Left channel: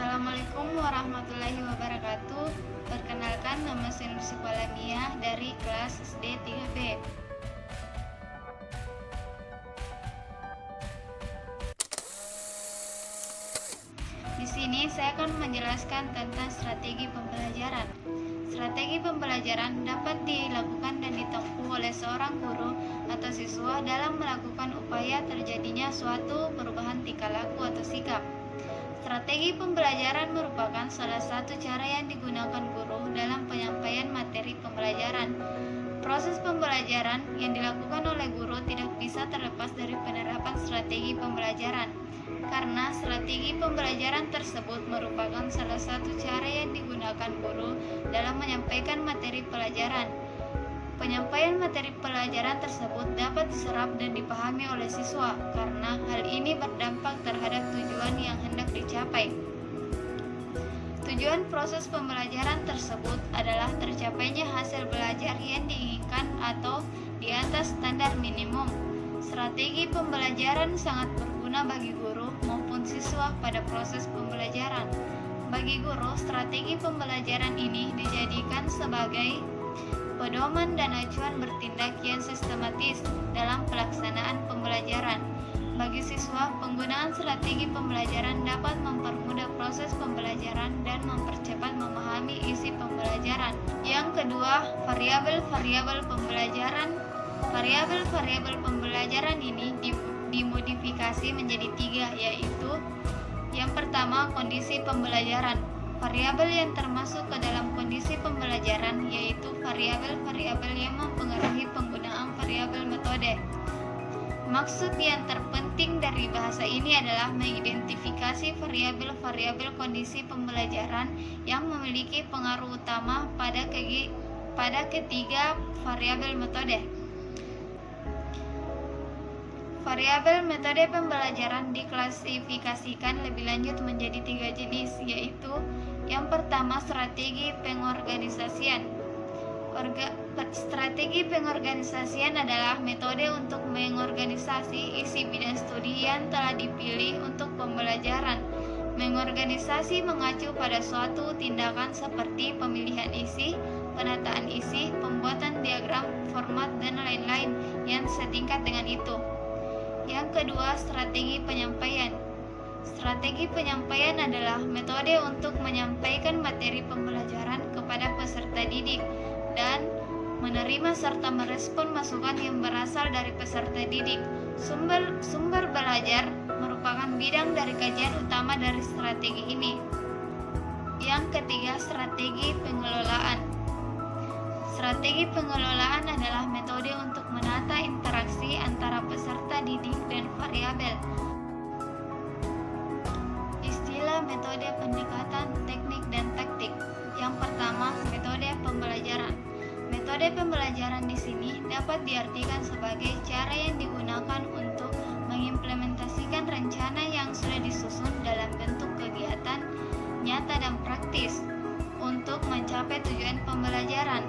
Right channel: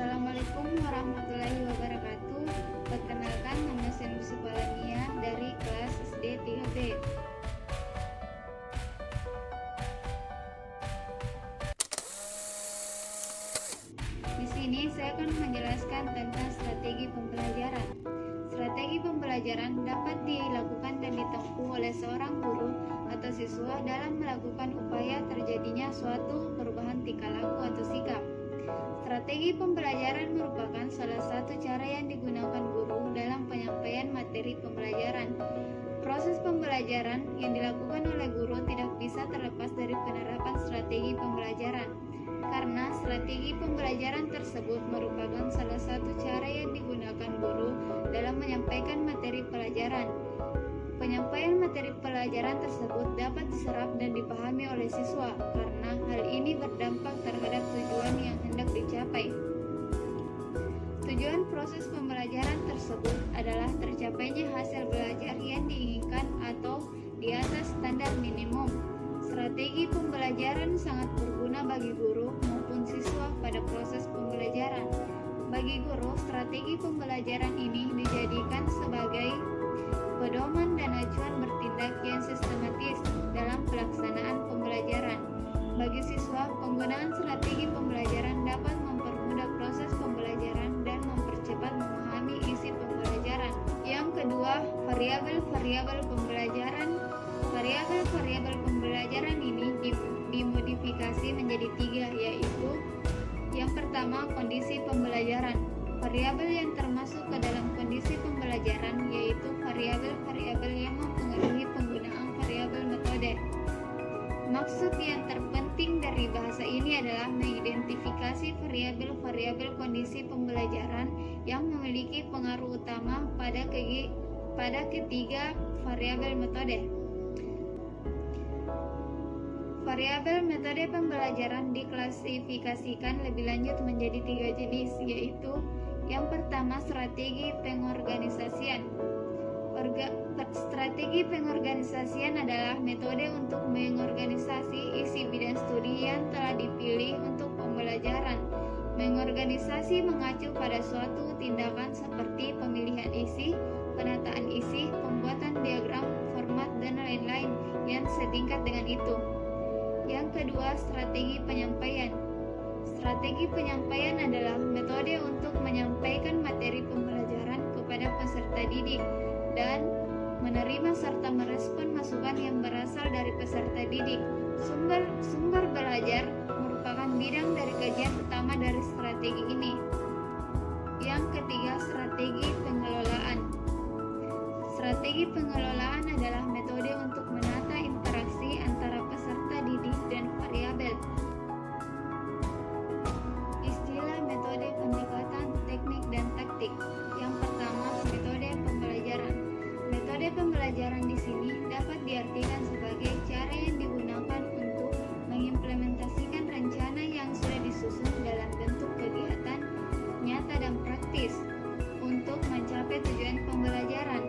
Assalamualaikum warahmatullahi wabarakatuh. Perkenalkan, nama saya Nursi Palamia dari kelas SD 3B. Di sini saya akan menjelaskan tentang strategi pembelajaran. Strategi pembelajaran dapat dilakukan dan ditempuh oleh seorang guru atau siswa dalam melakukan upaya terjadinya suatu perubahan tingkah laku atau sikap. Strategi pembelajaran merupakan salah satu cara yang digunakan guru dalam penyampaian materi pembelajaran. Proses pembelajaran yang dilakukan oleh guru tidak bisa terlepas dari penerapan strategi pembelajaran, karena strategi pembelajaran tersebut merupakan salah satu cara yang digunakan guru dalam menyampaikan materi pelajaran. Penyampaian materi pelajaran tersebut dapat diserap dan dipahami oleh siswa, karena hal ini berdampak terhadap tujuan yang hendak dicapai. Tujuan proses pembelajaran tersebut adalah tercapainya hasil belajar yang diinginkan atau di atas standar minimum. Strategi pembelajaran sangat berguna bagi guru maupun siswa pada proses pembelajaran. Bagi guru, strategi pembelajaran ini dijadikan sebagai pedoman dan acuan bertindak yang sistematis dalam pelaksanaan pembelajaran. Bagi siswa, penggunaan strategi pembelajaran dapat mempermudah proses pembelajaran dan mempercepat memahami isi pembelajaran. Yang kedua, variabel-variabel pembelajaran. Variabel-variabel pembelajaran ini dimodifikasi menjadi 3, yaitu yang pertama, kondisi pembelajaran. Variabel yang termasuk ke dalam kondisi pembelajaran yaitu variabel-variabel yang mempengaruhi penggunaan variabel metode. Maksud yang terpenting dari bahasa ini adalah mengidentifikasi variabel-variabel kondisi pembelajaran yang memiliki pengaruh utama pada ketiga variabel metode. Variabel metode pembelajaran diklasifikasikan lebih lanjut menjadi 3 jenis, yaitu yang pertama, strategi pengorganisasian. Strategi pengorganisasian adalah metode untuk mengorganisasi isi bidang studi yang telah dipilih untuk pembelajaran. Mengorganisasi mengacu pada suatu tindakan seperti pemilihan isi, penataan isi, pembuatan diagram, format, dan lain-lain yang setingkat dengan itu. Yang kedua, strategi penyampaian. Strategi penyampaian adalah metode untuk menyampaikan materi pembelajaran kepada peserta didik dan menerima serta merespon masukan yang berasal dari peserta didik. Sumber belajar merupakan bidang dari kajian utama dari strategi ini. Yang ketiga, strategi pengelolaan. Strategi pengelolaan adalah metode untuk menata interaksi antara peserta didik dan variabel. Istilah metode pendekatan, teknik, dan taktik. Yang pertama, metode pembelajaran. Metode pembelajaran di sini dapat diartikan sebagai cara yang digunakan untuk mengimplementasikan rencana yang sudah disusun dalam bentuk kegiatan nyata dan praktis untuk mencapai tujuan pembelajaran.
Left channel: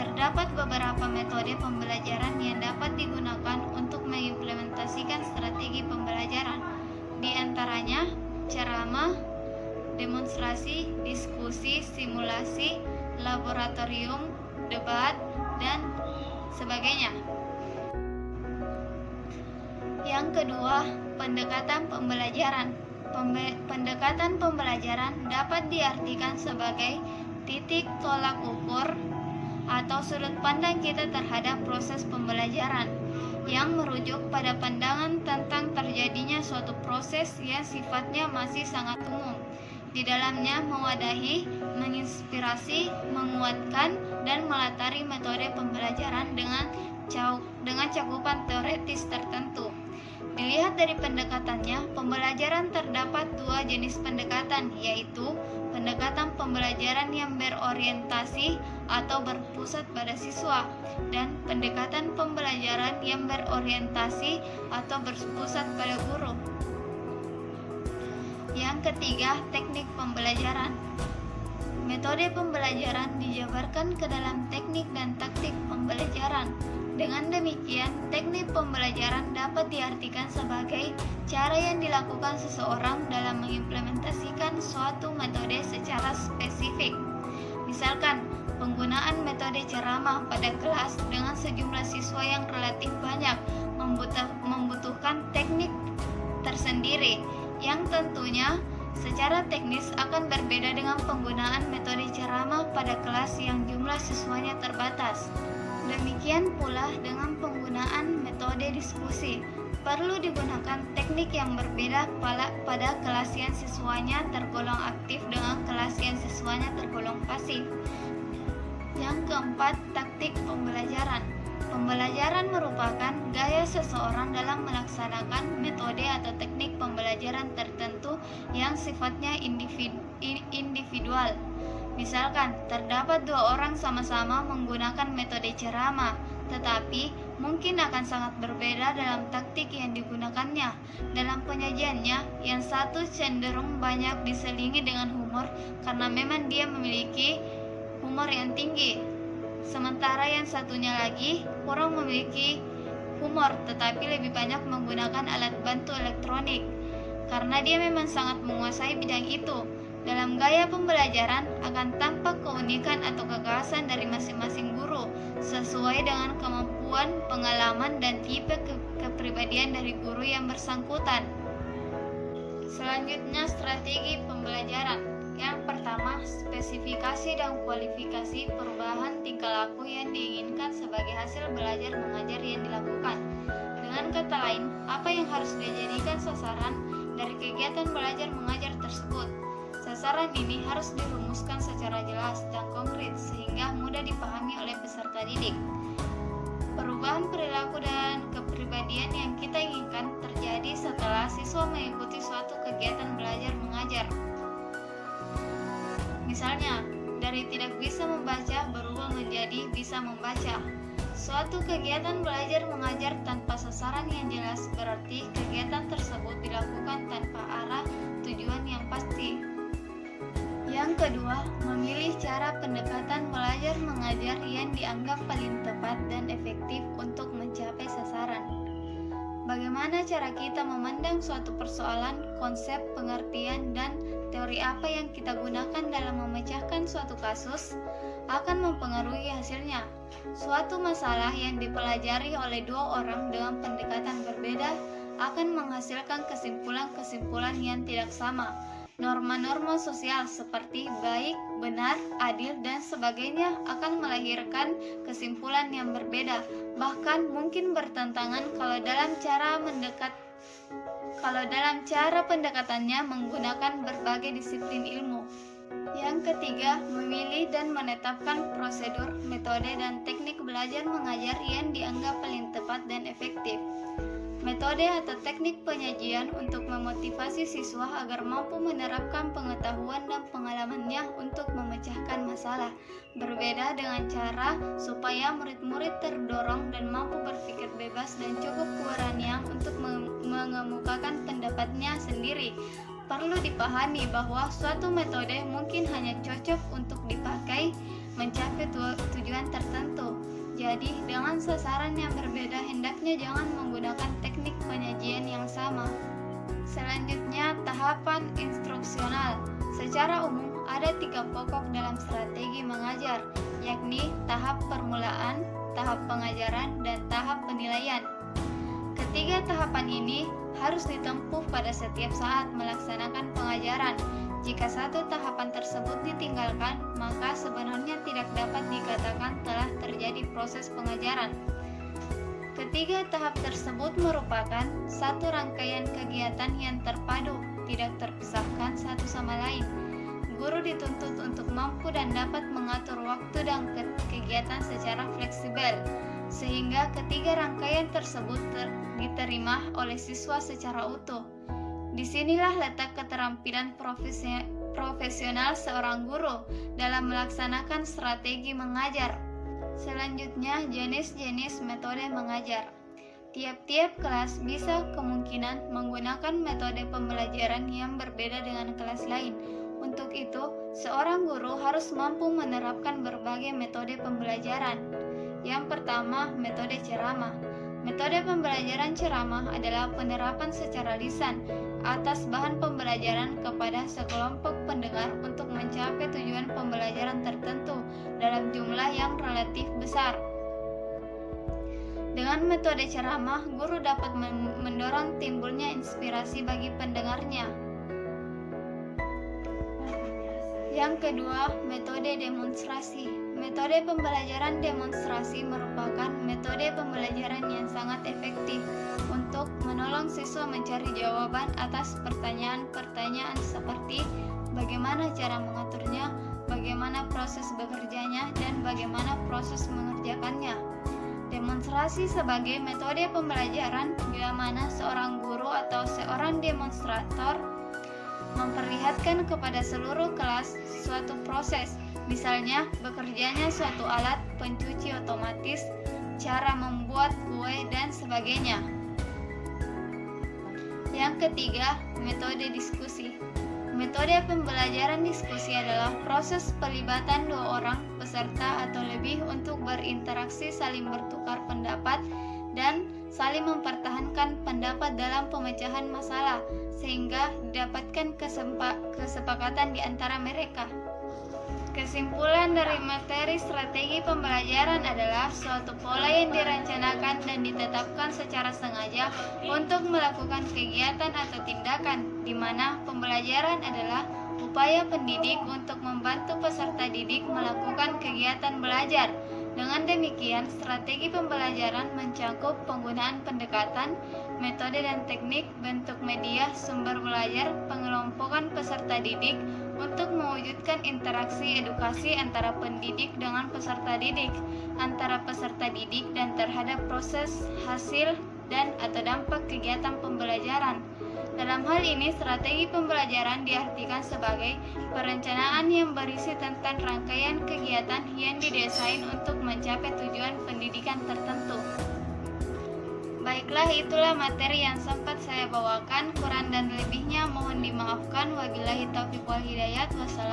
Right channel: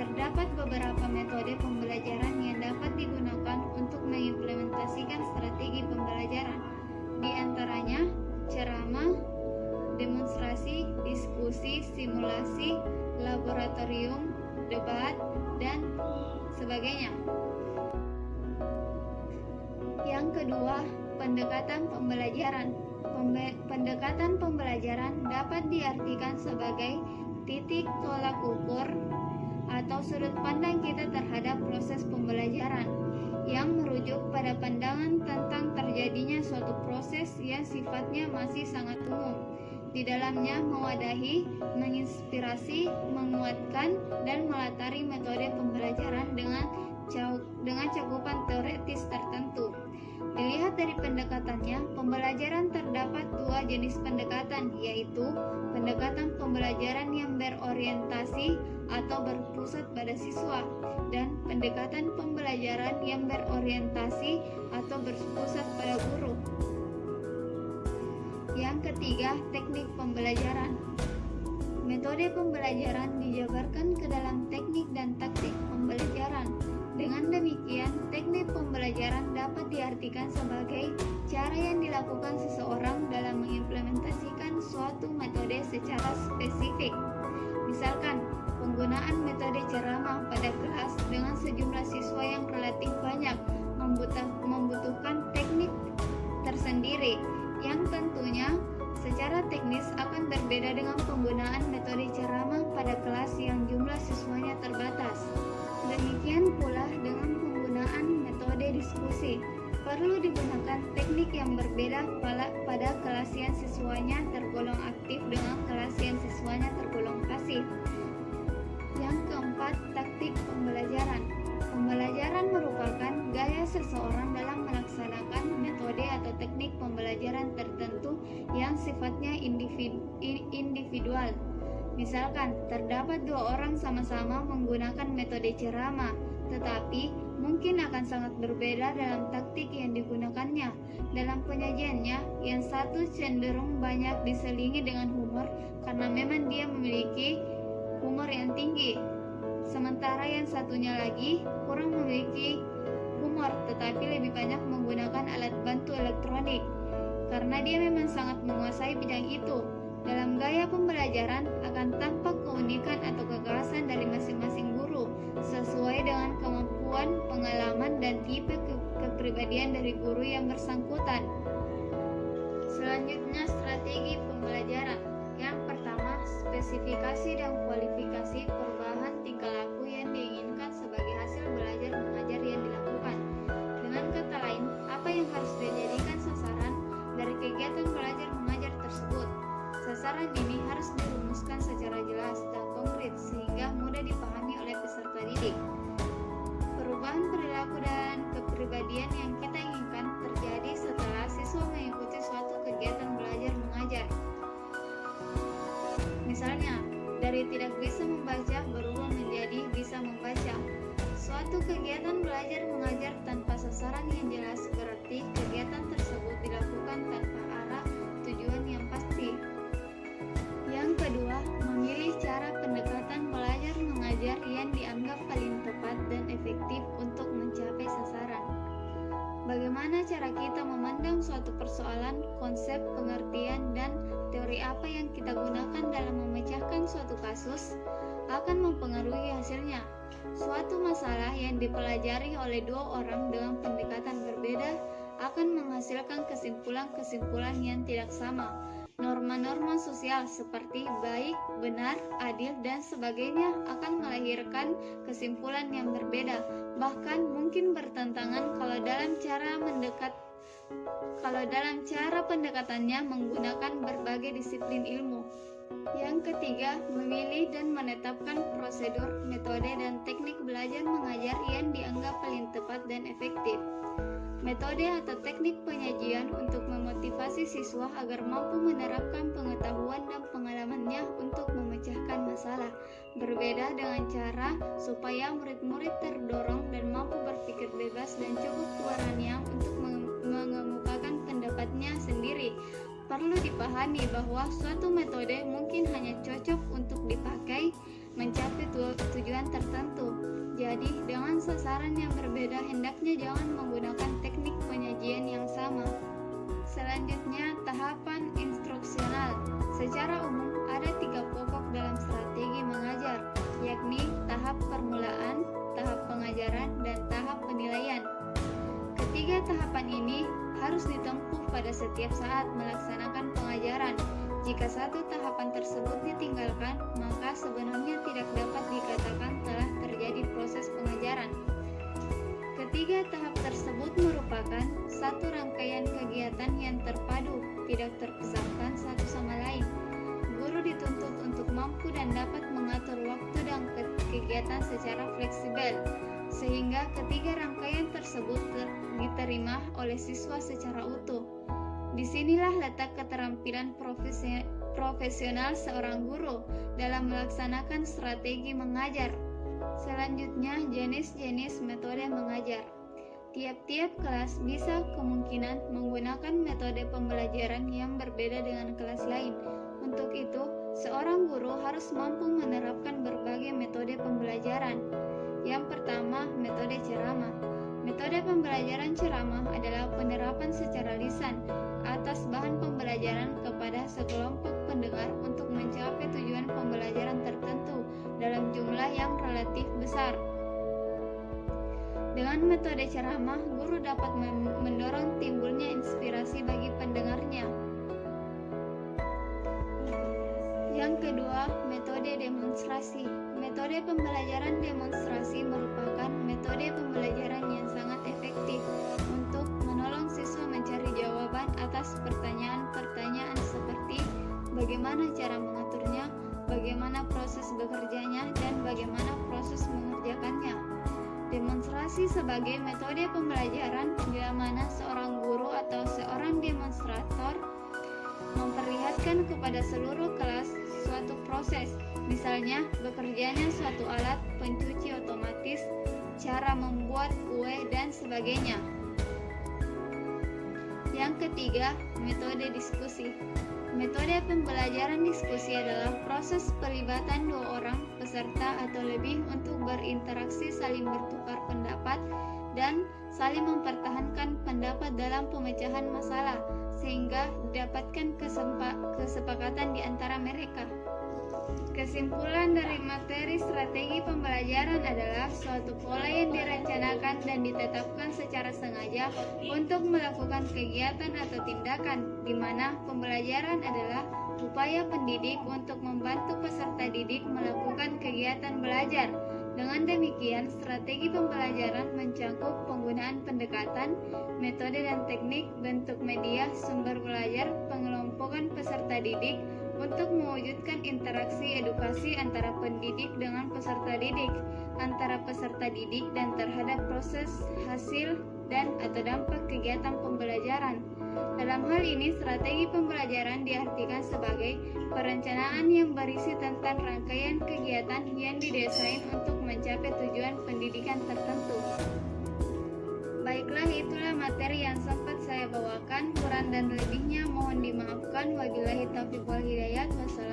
Terdapat beberapa metode pembelajaran yang dapat digunakan untuk mengimplementasikan strategi pembelajaran. Di antaranya, ceramah, demonstrasi, diskusi, simulasi, laboratorium, debat, dan sebagainya. Yang kedua, pendekatan pembelajaran. Pendekatan pembelajaran dapat diartikan sebagai titik tolak ukur atau sudut pandang kita terhadap proses pembelajaran yang merujuk pada pandangan tentang terjadinya suatu proses yang sifatnya masih sangat umum. Di dalamnya mewadahi, menginspirasi, menguatkan, dan melatari metode pembelajaran dengan cakupan teoretis tertentu. Dilihat dari pendekatannya, pembelajaran terdapat 2 jenis pendekatan, yaitu pendekatan pembelajaran yang berorientasi atau berpusat pada siswa, dan pendekatan pembelajaran yang berorientasi atau berpusat pada guru. Yang ketiga, teknik pembelajaran. Metode pembelajaran dijabarkan ke dalam teknik dan taktik pembelajaran. Dengan demikian, teknik pembelajaran dapat diartikan sebagai cara yang dilakukan seseorang dalam mengimplementasikan suatu metode secara spesifik. Misalkan, penggunaan metode ceramah pada kelas dengan sejumlah siswa yang relatif banyak membutuhkan teknik tersendiri yang tentunya secara teknis akan berbeda dengan penggunaan metode ceramah pada kelas yang jumlah siswanya terbatas. Demikian pula dengan penggunaan metode diskusi. Perlu digunakan teknik yang berbeda pada kelas yang siswanya tergolong aktif dengan kelas yang siswanya tergolong pasif. Yang keempat, taktik pembelajaran. Pembelajaran merupakan gaya seseorang dalam melaksanakan metode atau teknik pembelajaran tertentu yang sifatnya individual. Misalkan, terdapat dua orang sama-sama menggunakan metode ceramah, tetapi mungkin akan sangat berbeda dalam taktik yang digunakannya. Dalam penyajiannya, yang satu cenderung banyak diselingi dengan humor karena memang dia memiliki humor yang tinggi. Sementara yang satunya lagi kurang memiliki humor tetapi lebih banyak menggunakan alat bantu elektronik karena dia memang sangat menguasai bidang itu. Dalam gaya pembelajaran akan tampak keunikan atau kekhasan dari masing-masing guru sesuai dengan kemampuan, pengalaman, dan tipe kepribadian dari guru yang bersangkutan. Selanjutnya, strategi pembelajaran. Yang pertama, spesifikasi dan kualifikasi perubahan tingkah laku yang diinginkan sebagai hasil belajar mengajar yang dilakukan. Dengan kata lain, apa yang harus dijadikan sasaran dari kegiatan belajar mengajar tersebut. Sasaran ini harus dirumuskan secara jelas dan konkret sehingga mudah dipahami oleh peserta didik. Perubahan perilaku dan kepribadian yang kita inginkan terjadi setelah siswa mengikuti suatu kegiatan belajar mengajar. Misalnya, dari tidak bisa membaca berubah menjadi bisa membaca. Suatu kegiatan belajar mengajar tanpa sasaran yang jelas berarti kegiatan tersebut dilakukan tanpa arah tujuan yang pasti. Yang kedua, memilih cara pendekatan belajar mengajar yang dianggap paling tepat dan efektif untuk mencapai sasaran. Bagaimana cara kita memandang suatu persoalan, konsep, pengertian, dan teori apa yang kita gunakan dalam memecahkan suatu kasus akan mempengaruhi hasilnya. Suatu masalah yang dipelajari oleh dua orang dengan pendekatan berbeda akan menghasilkan kesimpulan-kesimpulan yang tidak sama. Norma-norma sosial seperti baik, benar, adil, dan sebagainya akan melahirkan kesimpulan yang berbeda, bahkan mungkin bertentangan kalau dalam cara pendekatannya menggunakan berbagai disiplin ilmu. Yang ketiga, memilih dan menetapkan prosedur, metode, dan teknik belajar mengajar yang dianggap paling tepat dan efektif. Metode atau teknik penyajian untuk memotivasi siswa agar mampu menerapkan pengetahuan dan pengalamannya untuk memecahkan masalah. Berbeda dengan cara supaya murid-murid terdorong dan mampu berpikir bebas dan cukup keberanian untuk mengemukakan pendapatnya sendiri. Perlu dipahami bahwa suatu metode mungkin hanya cocok untuk dipakai mencapai tujuan tertentu. Jadi, dengan sasaran yang berbeda, hendaknya jangan menggunakan teknik penyajian yang sama. Selanjutnya, tahapan instruksional. Secara umum, ada 3 pokok dalam strategi mengajar, yakni tahap permulaan, tahap pengajaran, dan tahap penilaian. Ketiga tahapan ini harus ditempuh pada setiap saat melaksanakan pengajaran. Jika satu tahapan tersebut ditinggalkan, maka sebenarnya tidak dapat dikatakan telah terjadi proses pengajaran. Ketiga tahap tersebut merupakan satu rangkaian kegiatan yang terpadu, tidak terpisahkan satu sama lain. Guru dituntut untuk mampu dan dapat mengatur waktu dan kegiatan secara fleksibel, sehingga ketiga rangkaian tersebut diterima oleh siswa secara utuh. Disinilah letak keterampilan profesional seorang guru dalam melaksanakan strategi mengajar. Selanjutnya, jenis-jenis metode mengajar. Tiap-tiap kelas bisa kemungkinan menggunakan metode pembelajaran yang berbeda dengan kelas lain. Untuk itu, seorang guru harus mampu menerapkan berbagai metode pembelajaran. Yang pertama, metode ceramah. Metode pembelajaran ceramah adalah penerapan secara lisan atas bahan pembelajaran kepada sekelompok pendengar untuk mencapai tujuan pembelajaran tertentu dalam jumlah yang relatif besar. Dengan metode ceramah, guru dapat mendorong timbulnya inspirasi bagi pendengarnya. Yang kedua, metode demonstrasi. Metode pembelajaran demonstrasi merupakan metode pembelajaran yang sangat efektif untuk menolong siswa mencari jawaban atas pertanyaan-pertanyaan seperti bagaimana cara mengaturnya, bagaimana proses bekerjanya, dan bagaimana proses mengerjakannya. Demonstrasi sebagai metode pembelajaran bila mana seorang guru atau seorang demonstrator memperlihatkan kepada seluruh kelas suatu proses, misalnya bekerjanya suatu alat pencuci otomatis, cara membuat kue, dan sebagainya. Yang ketiga, metode diskusi. Metode pembelajaran diskusi adalah proses pelibatan dua orang peserta atau lebih untuk berinteraksi, saling bertukar pendapat, dan saling mempertahankan pendapat dalam pemecahan masalah sehingga didapatkan kesepakatan di antara mereka. Kesimpulan dari materi strategi pembelajaran adalah suatu pola yang dirancanakan dan ditetapkan secara sengaja untuk melakukan kegiatan atau tindakan di mana pembelajaran adalah upaya pendidik untuk membantu peserta didik melakukan kegiatan belajar. Dengan demikian, strategi pembelajaran mencakup penggunaan pendekatan, metode dan teknik, bentuk media, sumber belajar, pengelompokan peserta didik untuk mewujudkan interaksi edukasi antara pendidik dengan peserta didik, antara peserta didik dan terhadap proses, hasil, dan atau dampak kegiatan pembelajaran. Dalam hal ini, strategi pembelajaran diartikan sebagai perencanaan yang berisi tentang rangkaian kegiatan yang didesain untuk mencapai tujuan pendidikan tertentu. Baiklah, itulah materi yang sempat saya bawakan. Kurang dan lebihnya mohon dimaafkan. Wabillahi taufiq wal hidayah. Wassalamualaikum